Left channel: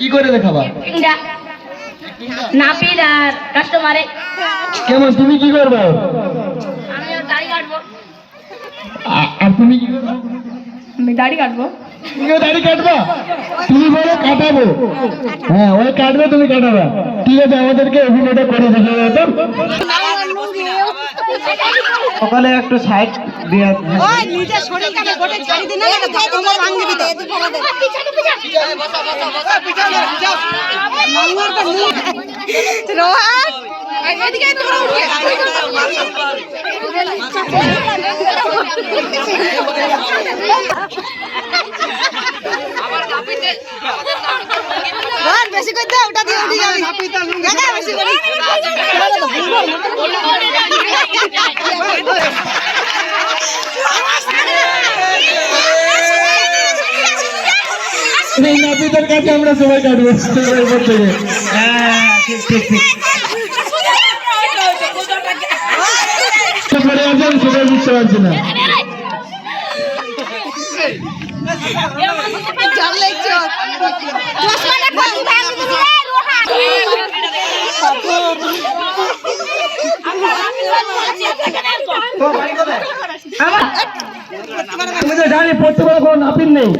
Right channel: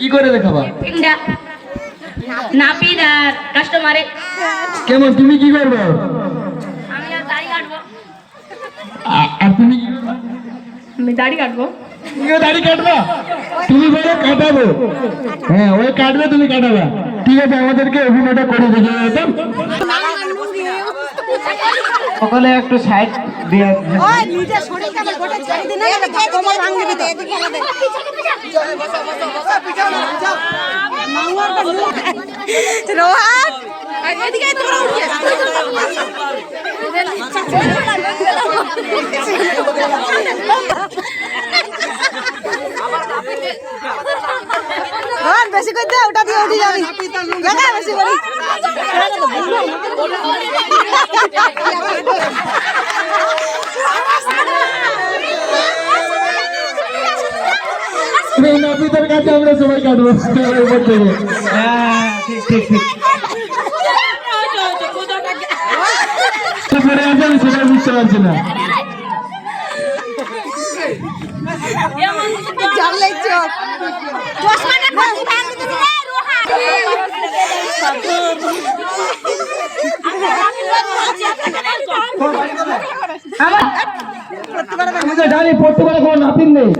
কি করে দেখাবা? নাপিত আর কাস্টমারে। কেমন তুমি কি করবে? আমি আর দাড়ি কাটবো। আর তুমি কি করবে? আমি দাড়ি কাটবো। তুমি দাড়ি কাটবা? তুমি বলো কাটাবো। হ্যাঁ ওই কাটবে তুমি কাটাবে। ঠিক আছে আমাদেরকে অভিনয়টা করে দেখিয়ে দাও তো। সকালে একটু সাইড দিয়ে ওই নিজে শরীরটাকে গোটে ছাড়ি দিন না তোমার ভাঙ দিবি তো রোহান এদিকে তোরা উঠে আবার কাপিতে রোহান বেশি কই দাও ওটা দিয়ে উঠে যাবি কাকা বেশি করি এই নাপিতের কাছে আমরা সবাই কাটবো এরপর থেকে। হ্যাঁ ঠিক ঠিক ঠিক পরে আছে আমি সেটা বুঝতে পারছি না। জাল লাগছে আমাদের গাড়ি পড়তে পারে কোনো নাপিত নেই।